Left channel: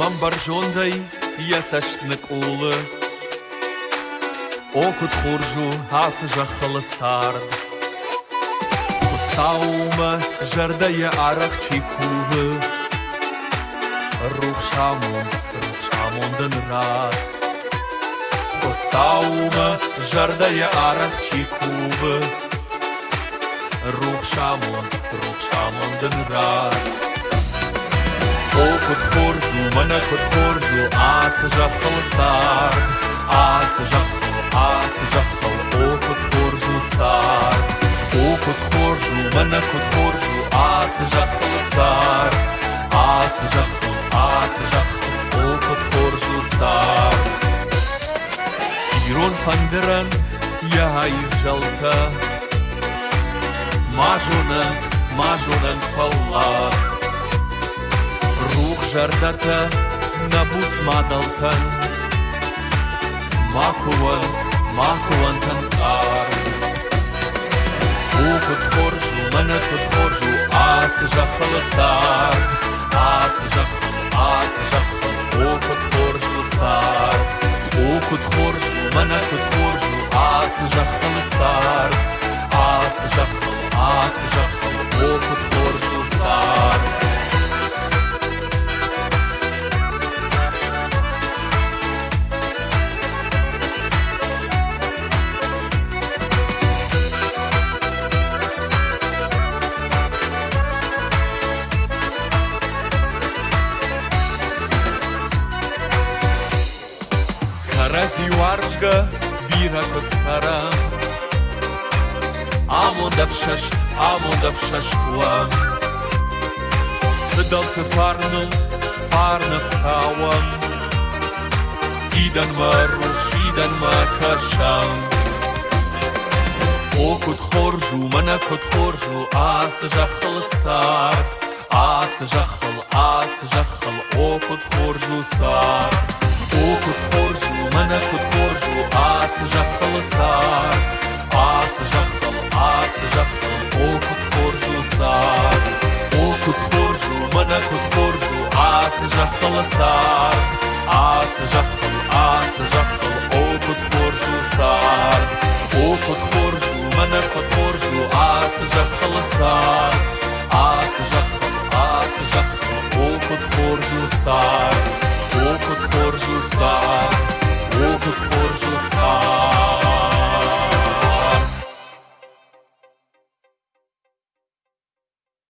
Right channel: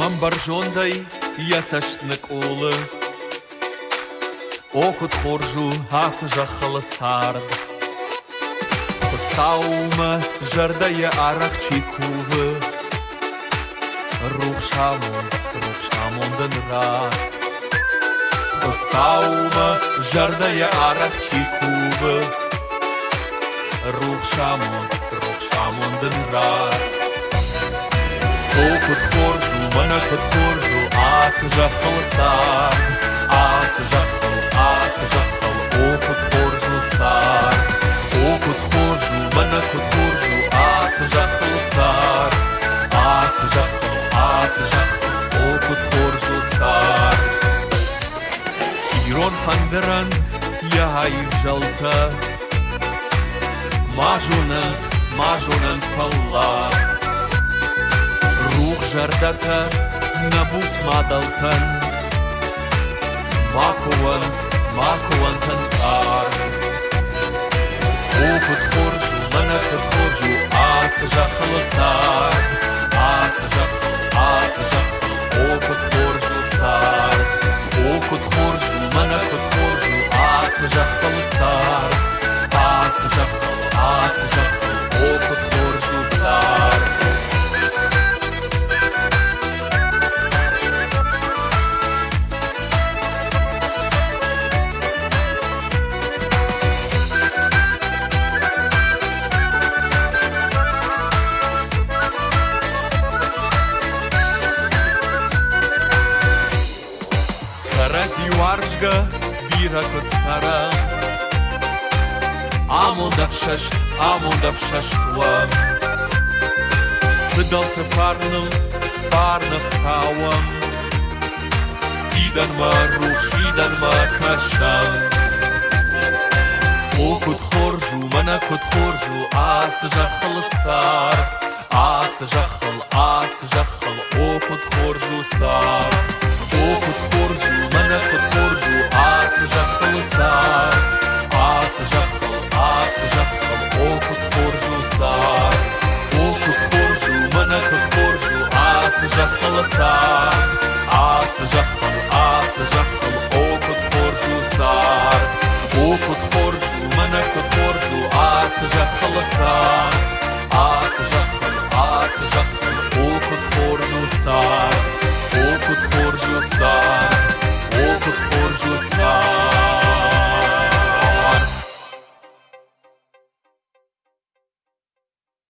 من برجوندي يسشتنك أولي أوكد خورجو هاس جخل سارد خساومة جردي أرخ چيكوه روح شامون دن رات خساومة جردي أرخ چيكوه روح شامون دن رات أوكد خورجو منا كد خورجو آس جخل سارد آس جخل أوكد خورجو سارد أوكد خورجو منا كد خورجو آس جخل سارد آس جخل أوكد خورجو سارد كيرون فندرن يا هاي جلتا ماجوننت فالله روح جردتا نبوس مادلتن ماكو انتن آرد أوكد خورجو منا كد خورجو آس جخل سارد آس جخل أوكد خورجو سارد أوكد خورجو منا كد خورجو آس جخل سارد آس جخل أوكد خورجو سارد Карази варжга бира код сара Амонда в шаштуа Фидал те фарна в тауам Фидан ма кашам О код хоржу, мана код хоржу Ас жахал сар Ас жахал, о код хоржу сар أوكد خورجو منا كد خورجو آس جخل سار آس جخل أوكد خورجو سار أوكد خورجو منا كد خورجو آس جخل سار آس جخل أوكد خورجو سار أوكد خورجو منا كد خورجو آس جخل سار آس جخل أوكد خورجو سار أوكد خورجو سار